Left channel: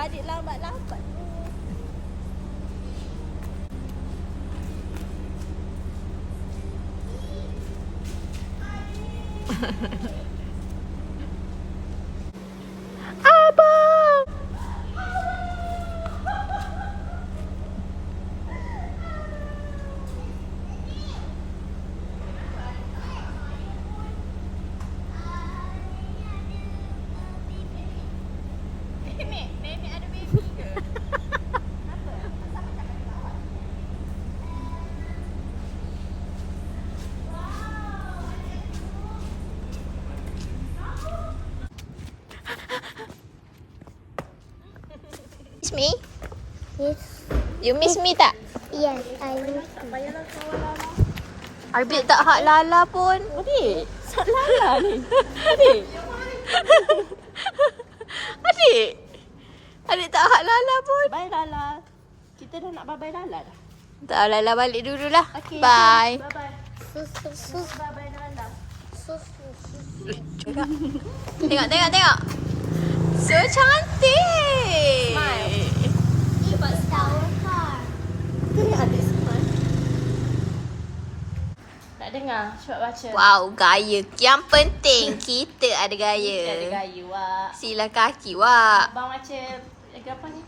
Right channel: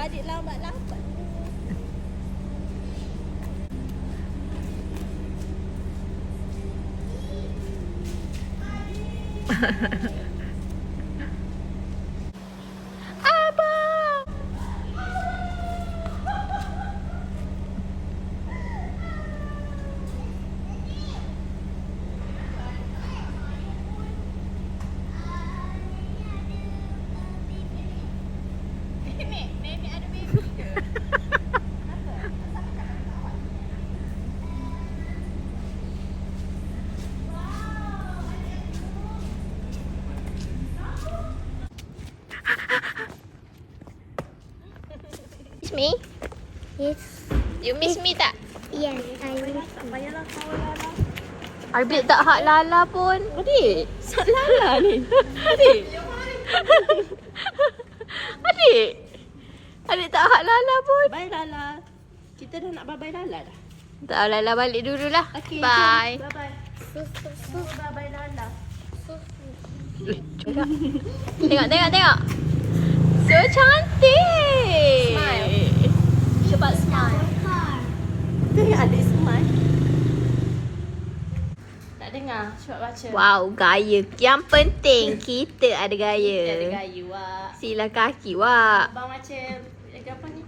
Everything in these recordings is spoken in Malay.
adik lambat-lambat. Abang. Nenek ada baby ke? Miss me? Yes. You miss me tak? Yes, I will. Tak payahlah kawan Lala. Adik tak hak Lala pun. Adik, sak Lala ni. Adik. Adik. Adik tak hak Lala pun. Bye Lala. Kita dah nak bye-bye Lala dah. Tak, Lala balik dululah. Okay, Bye. Bye-bye. Sus. Bye-bye Lala. Tengok. So cantik. Smile. Cepat smile. Tengok adik smile. Tak dengar. Cepat baca. Wow, gaya. Yang penting kita ada gaya. Ada gaya, Wak. Sila kaki, Wak. Abang baca apa ni?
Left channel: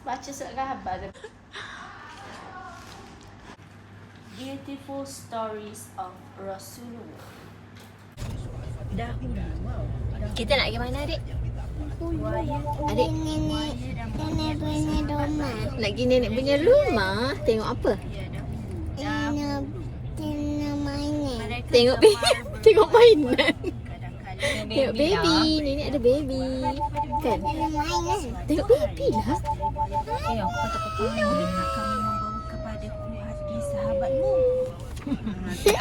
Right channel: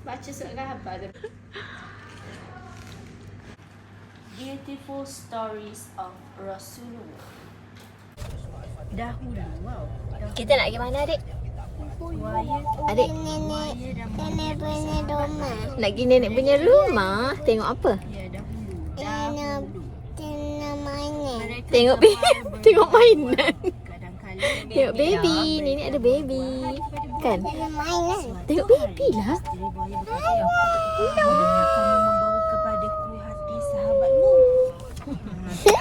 Baca surat khabar. Beautiful Stories of Rasulullah. Dahulu. Wow. Kita nak pergi mana, adik? Adik, Nenek punya rumah. nak pergi nenek punya rumah. Tengok apa? Nenek mainan. Tengok tengok mainan. Tengok baby. Nenek ada baby. Kan? Nenek mainan. Tengok baby lah.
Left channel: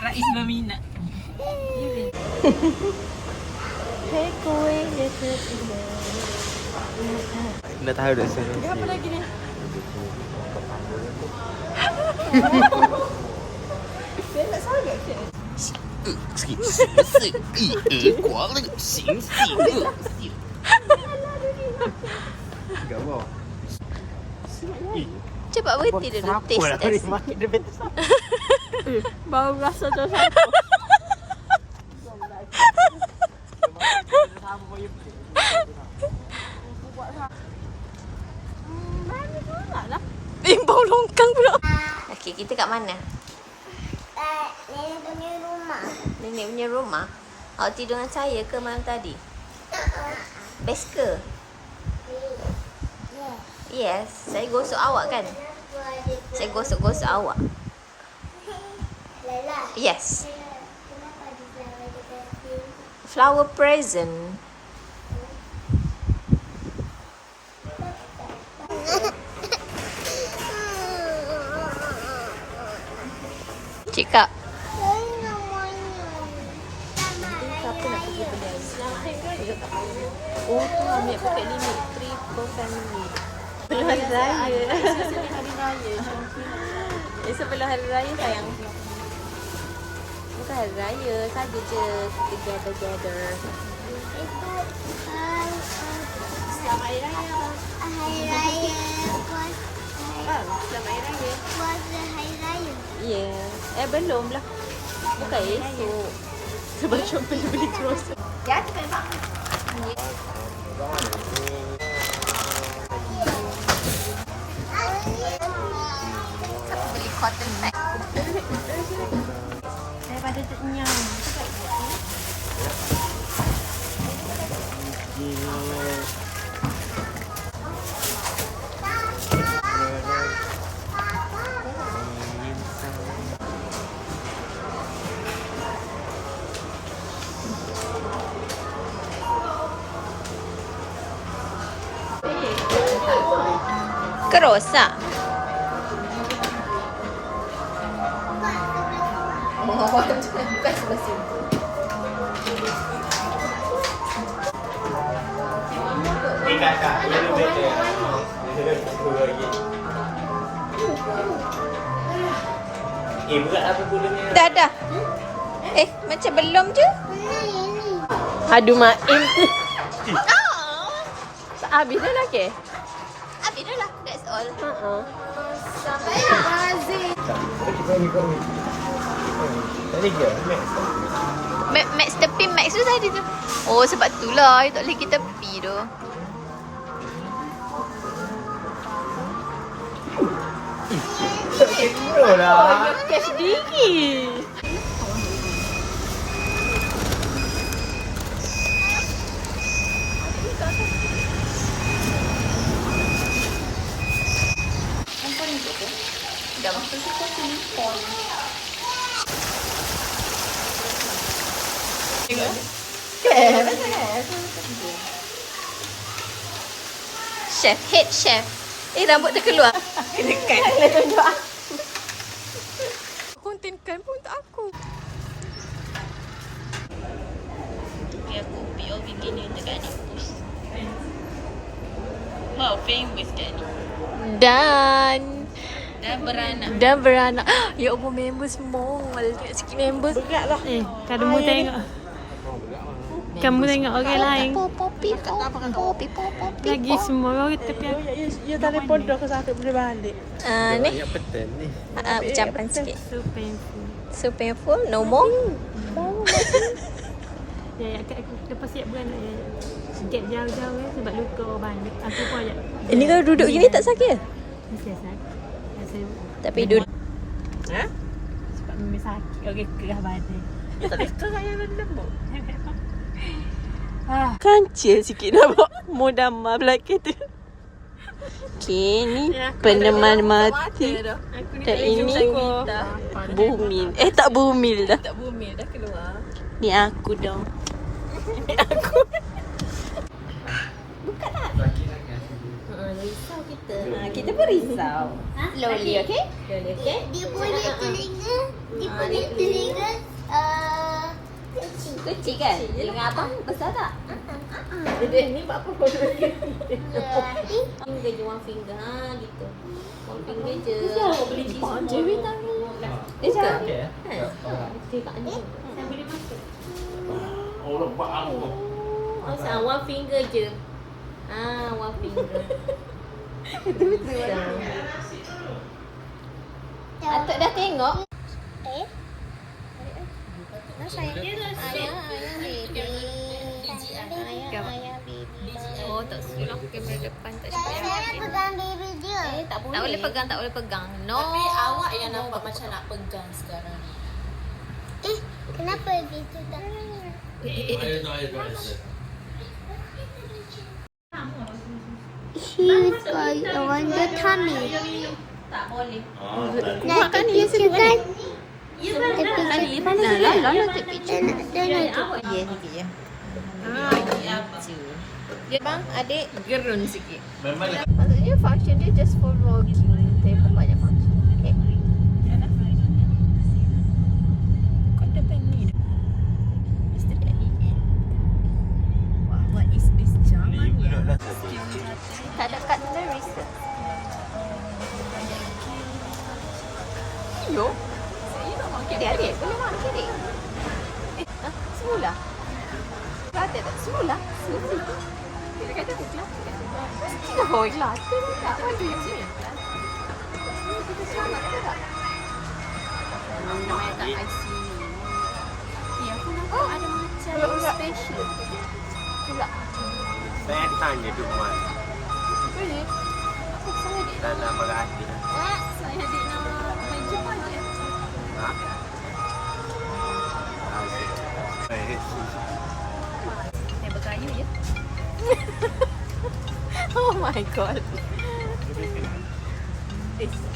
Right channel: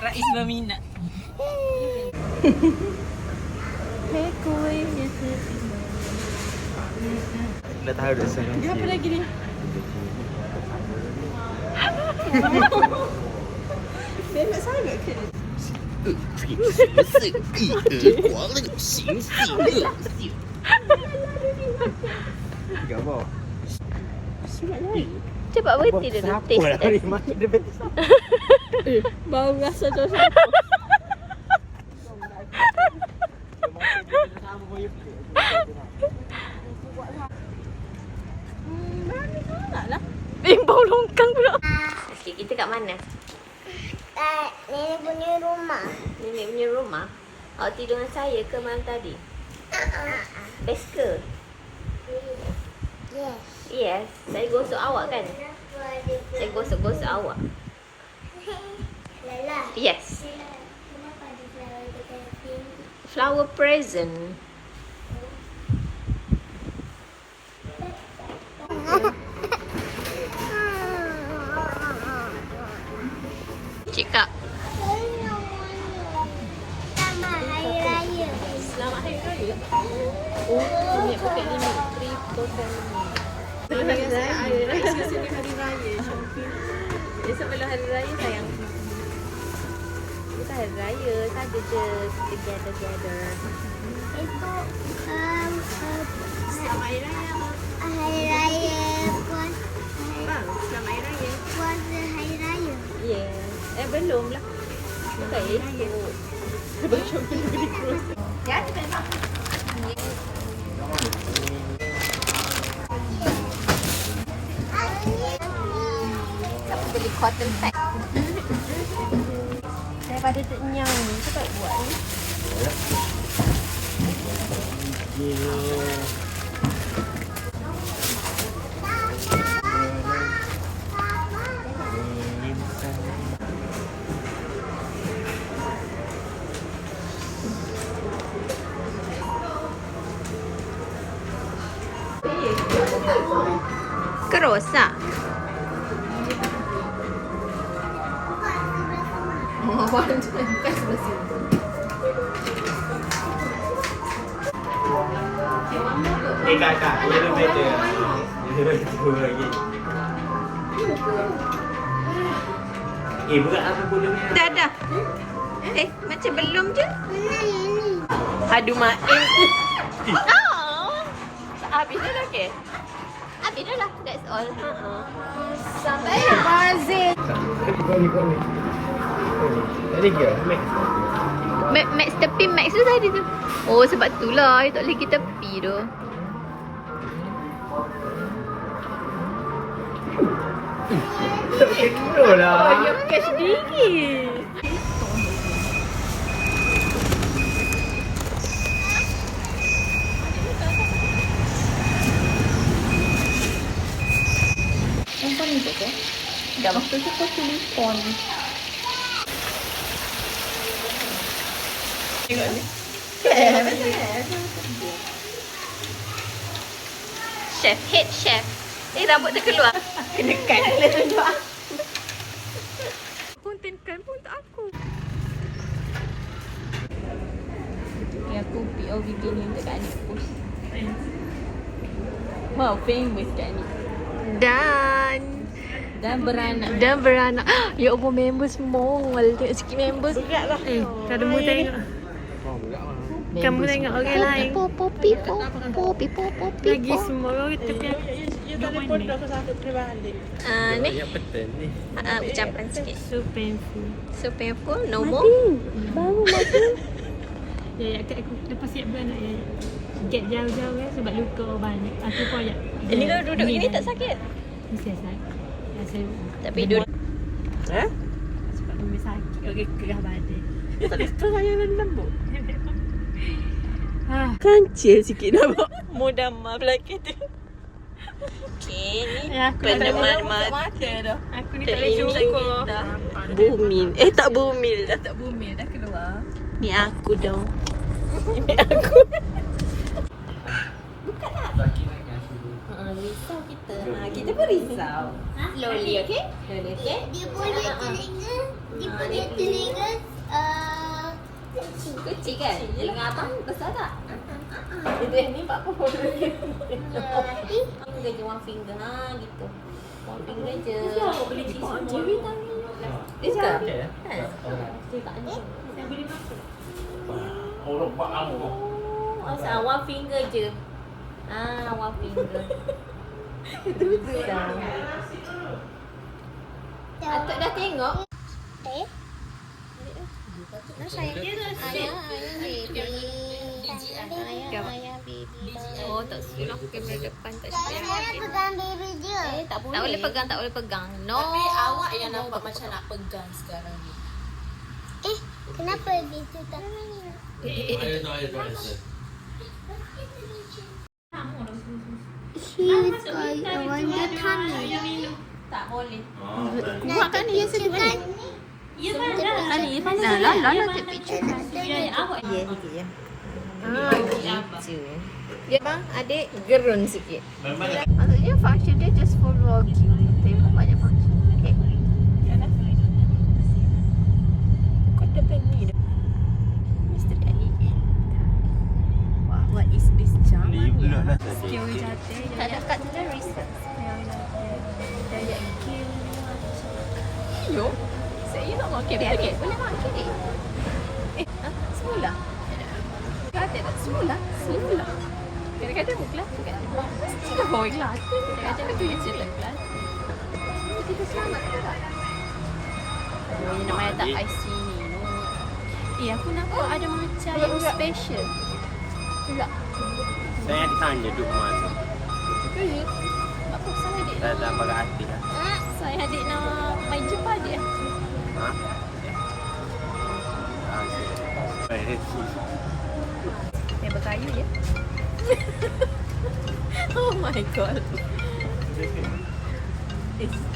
Rais berminat. Hei kuih ya terima. Dah tahu dah sana. Dia apa lagi ni? Dia nak sangat ke? Tiga apa? Cepat berhenti dulu. Taste. Dia betul siapa? Bau rasa tu siapa? Bau longkang pula. Okey, kita kat mana? Nenek punya rumah. Nenek punya rumah. Awak tidur dengan saya ke malam tadi? Best ke? Ya. Yes. Saya gosok awak kan? Saya gosok-gosok awak. Laila. Yes. Kenapa di flower dekat Flower present. Cakap. Selamat Hari Raya. Selamat Hari Raya. Oh, ni pakai ni. Hari Raya. Hari Raya. Esok Hari Raya. Esok bila Hari Raya sayang. Bukan Hari Raya. Tadi je. Together. Selamat Hari Raya. Hari Raya puas. Selamat Hari Raya. Puasa Hari Raya. Ya. Belum lah. Selamat Hari Raya. Sebab cuba beli cross. Siapa beli cotton pack? Daripada ternyang. Kita tak buat ni. Kerosak. Kakak, boleh lebih dia. Lagi. Berat apa bolehnya? Dah. Macam belum je. Aduh mak. Oh. Habis dah lagi. Itulah, that's all. Tadi ke? Max tepi Max tu tadi tu. Oh sebab tu lah, tak boleh kita tepi tu. Kena lah. Cash dingin. Dah waktu tu silikon. Chef, head chef. Rambut dia keluar. Kena kan, kena tunjuk. Kontenkan pun tak aku. Ni aku POV gini untuk Kak Nik post. Wow, famous kat ni. Dan beranak. Ya Allah, member semua. Tengok sikit member. Kamu tengok. Kamu tengok orang lain. Popi. Lagi semua orang tapi aku. Ni. Yang penting ni. Ucapan sikit. So painful. So painful, no more. Ya, aku lepas siap beranak ya. Gap jauh-jauh sebab luka banyak. Aku pun ajak. Ini kalau duduk gini tak sakit? Mesti sakit. Ya, saya Tapi duduk. sebab memang sakit. Okey, kerah badan. Ya tak ada keraya lembut. Kancil sikit nampak modama belakang tu. Okay, ni peneman mati. Aku ni Tak tak boleh ini. cukup. Bumil. Tak bumil dah. Tak bumi dah keluar. Ni aku dong. Ini aku. Risau kita. Kita pun risau. Loli, okay? Loli, okay? Dia punya telinga Kecil kan? Telinga abang besar tak? Dia ni buat apa pun. Finger je, one finger. Gitu. One finger je. Kenapa boleh dipanjang? Dia tangan. Dia cakap. Okey. Dia tak anjing. Oh, lepak aku. Asal one finger je. One finger. Itu betul. Atuk dah tengok. Ayah baby. Ayah baby. Oh, tak suruh kamera depan tak Saya payah. pegang baby dia. Tak boleh pegang. No. Tapi awak yang nampak macam nak pegang sekarang ni. Kenapa gitu tak? Huge I wonder tummy. Tak boleh. Buat kan dia sedut kan? Lah, take picture. Ya, sikit ya. Dia bang, adik gerun sikit. Maksudnya function dia just for vlogging. Tengok banyak function. Okay. Kau depan ni dah. Mr. Ali. What is this jam? Tak dapat tulis. Hello? Saya nak makan adik. Boleh makan adik? Semula. Kata tak semula. Kadang-kadang kelas kan. Tidak bawa kelas. Kadang-kadang lagi yang sini kelas. Kita selamat ke tak? Namanya tak IC ni. Aku nampak ada macam special. Tidak. Saya ada tanya duduk mana. Boleh. Apa saya adik? Dalam bagai hati lah. Saya adik nak main Jepang dia. Ha? Okey. Saya berkayu ya. Oh my god.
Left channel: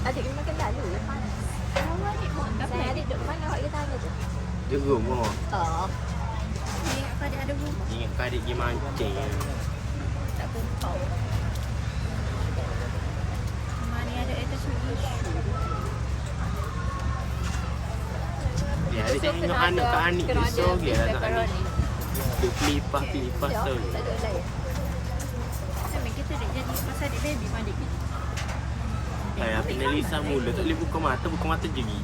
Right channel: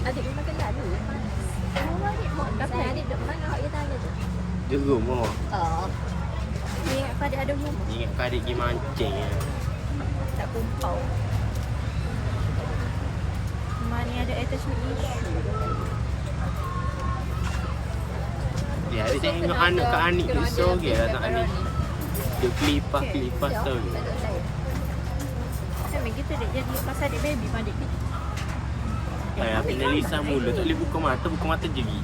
Adik memang kenal dulu ya panas. Oh adik mau dapat. Adik duduk mana awak dia tanya tu? Di rumah. Oh. Ingat pada ada rumah. Ingat kau adik pergi mancing ya. Tak pumpau. Mana ada attachment issue. Dia ada tengok anak kat Anik dia sorry lah tak Anik. Dia kelipah sorry. Tak ada lain. Kami kita dia pasal adik baby pun adik kita. Api Nelisa mula tak boleh buka mata jeri.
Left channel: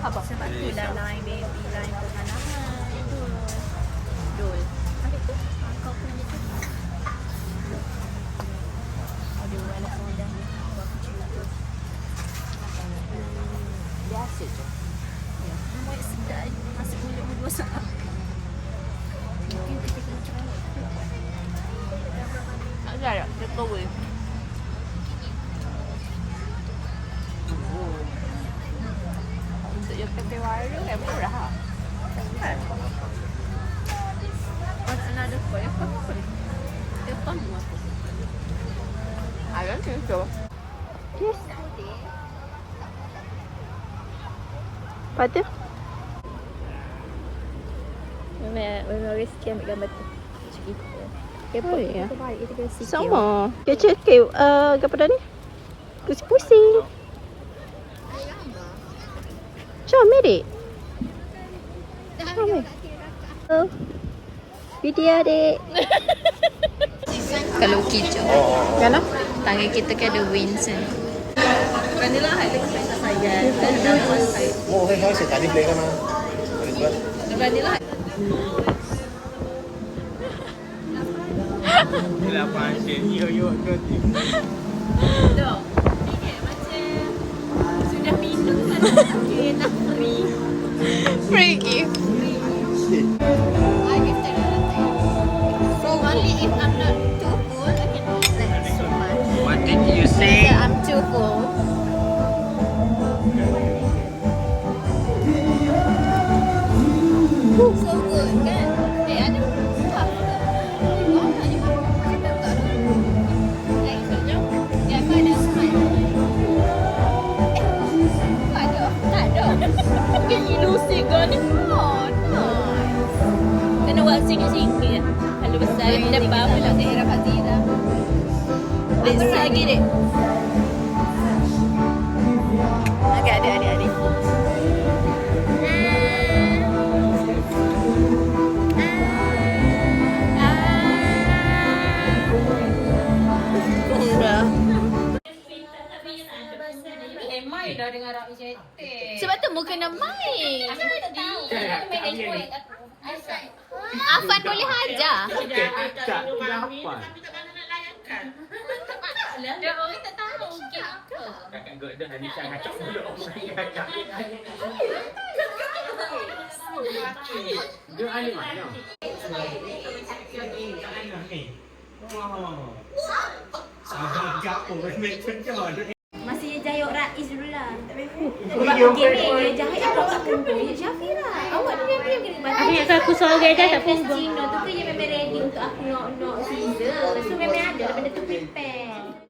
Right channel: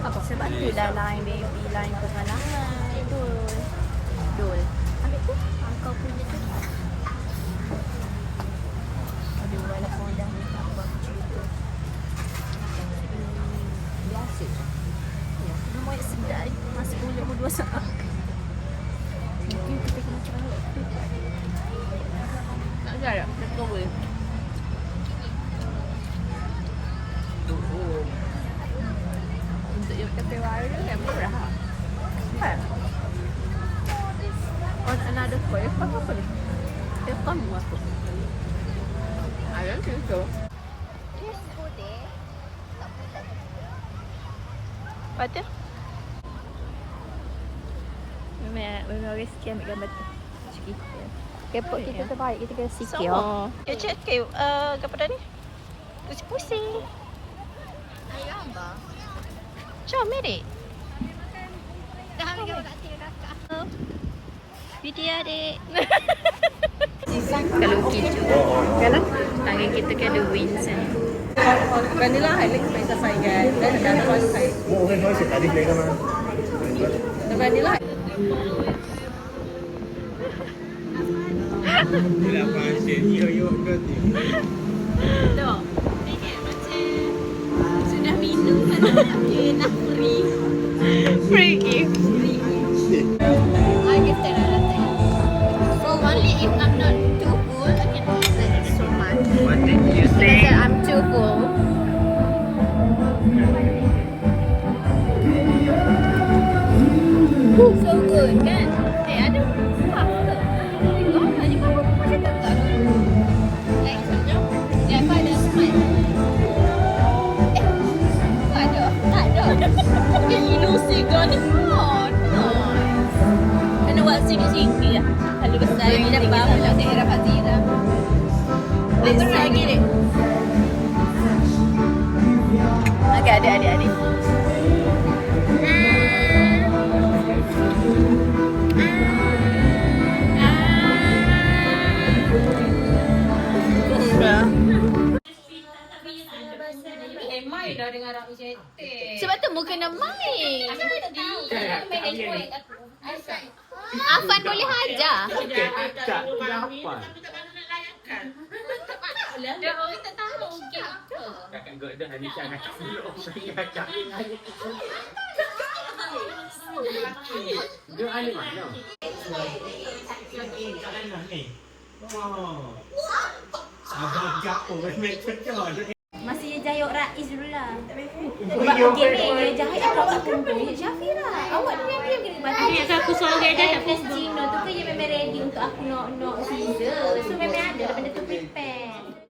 Apa? Sebab tu dah line baby, line pengalangan. Dul. Adik tu? Kau punya tu? Aduh. sausage. Ya, dia mau sedap. Nasi gula mu 2 saat. Nanti kita kena try. Tak galak, dia cover. Untuk yang kata viral yang murah. Kan? On another point, apa ni? Depan mu aku. Ayam tu. Yes. Lepas tu? Memang orang sikit ambil gambar tu. Macam gitu. Kepot kita terbaik kita kena sikit. Sama. Dia cakap, apa dah ni? Pusing-pusing. Jom, Medik. Video adik. Kalau kecoh. Kenapa? Tangan kita kan ada wings. Vanilla highlight saya tak sayang. Dan dapat saya. Vanilla. Kenapa asyik yo berarti? Tuh. Ini macam sudah minum kan okey nak free. Free gift. So only if I'm not too full I can eat like so much. What did you say? Because I'm too full. So good kan? Ada kuah ke? Oh, ni apa macam tak ada. Like so, dia apa ada smell? Tak ada. Tak ada. Mungkin ilusi kan? Oh, nice. Kena buat sikit-sikit lah. Kalau besar kita bawa lah daerah Fazira. Apa lagi dek? Agak ada adik-adik. Mai dah dengan Rabi Cetek. Sebab tu mu kena main. Afan boleh hajar. Tak dapat. Dia orang tak tahu mungkin apa. Kakak gak dah ni sangat cak dulu orang kakak. Dia ani mana? Sabar gapo main pencon. Masih jahit Rais dulu lah. Sebab gini, jahit aku tak kumpul. Syafira, awak diam-diam gini. Dia kata aku seorang dia tak Festino tu kan dia memang ready untuk aku nak Caesar. So memang ada daripada tu prepare.